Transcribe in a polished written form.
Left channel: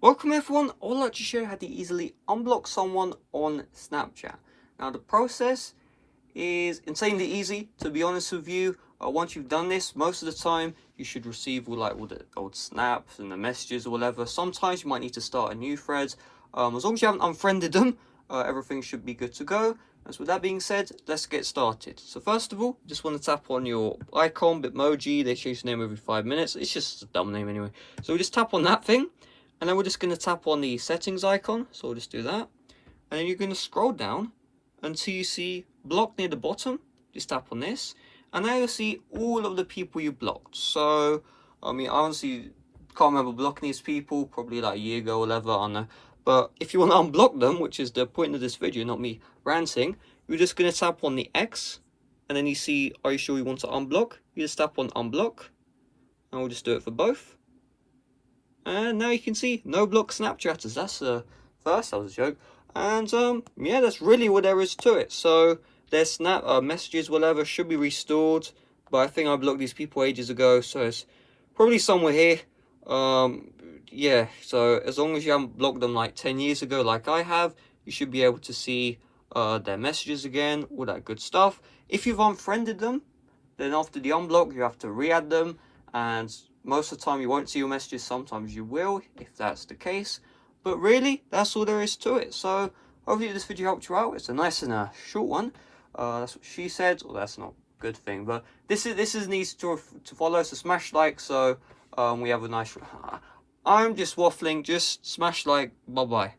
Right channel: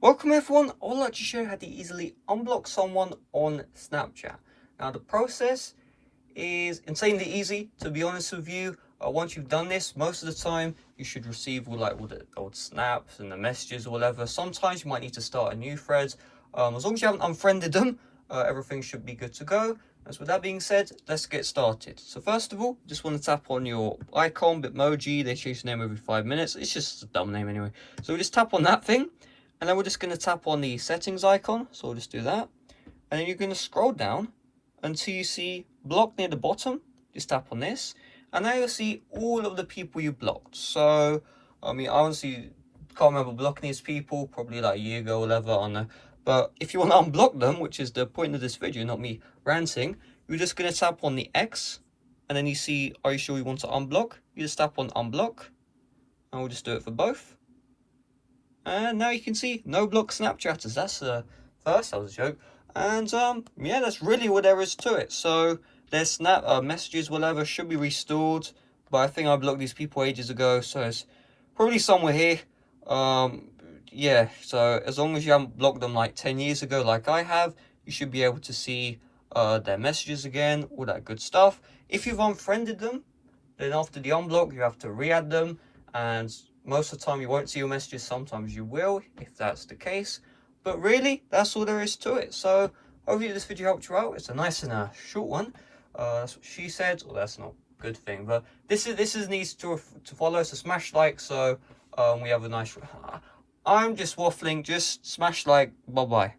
Welcome everyone, I would like to show you how to easily unblock someone on Snapchat. Now the process is insanely easy, to be honest with you. Once you've done this, most of the time you should receive all the old snaps and the messages or whatever. Sometimes you might need to start a new thread. As long as you haven't unfriended them, everything should be good to go. And so with that being said, let's get started. So first of all, just want to tap on your icon, Bitmoji. They change the name every 5 minutes. It's just a dumb name anyway. So we just tap on that thing. And then we're just going to tap on the settings icon. So we'll just do that. And then you're going to scroll down until you see block near the bottom. Just tap on this. And now you'll see all of the people you blocked. So, I mean, I honestly can't remember blocking these people, probably like a year ago or whatever, I don't know. But if you want to unblock them, which is the point of this video, not me ranting, you're just going to tap on the X. And then you see, are you sure you want to unblock? You just tap on unblock. And we'll just do it for both. And now you can see no block Snapchatters. That's first, that was a joke. And yeah, that's really what there is to it. So their snap messages, whatever, should be restored. But I think I blocked these people ages ago, so it's probably somewhere here. Yeah, so as long as you haven't blocked them like 10 years ago like I have, you should be able to see their messages again, all that good stuff. If you've unfriended them, then after the unblock, you have to re-add them, and most of the time you won't see your messages. Sometimes you will, if that's the case. But really, that's all there is to it. So hopefully this video helped you out. It's a nice and short one. That's what she said. Well, that's not a good thing, but this is needs to follow. So smash like. So we have a nice. I'm just waffling. Just smash like. Bye bye.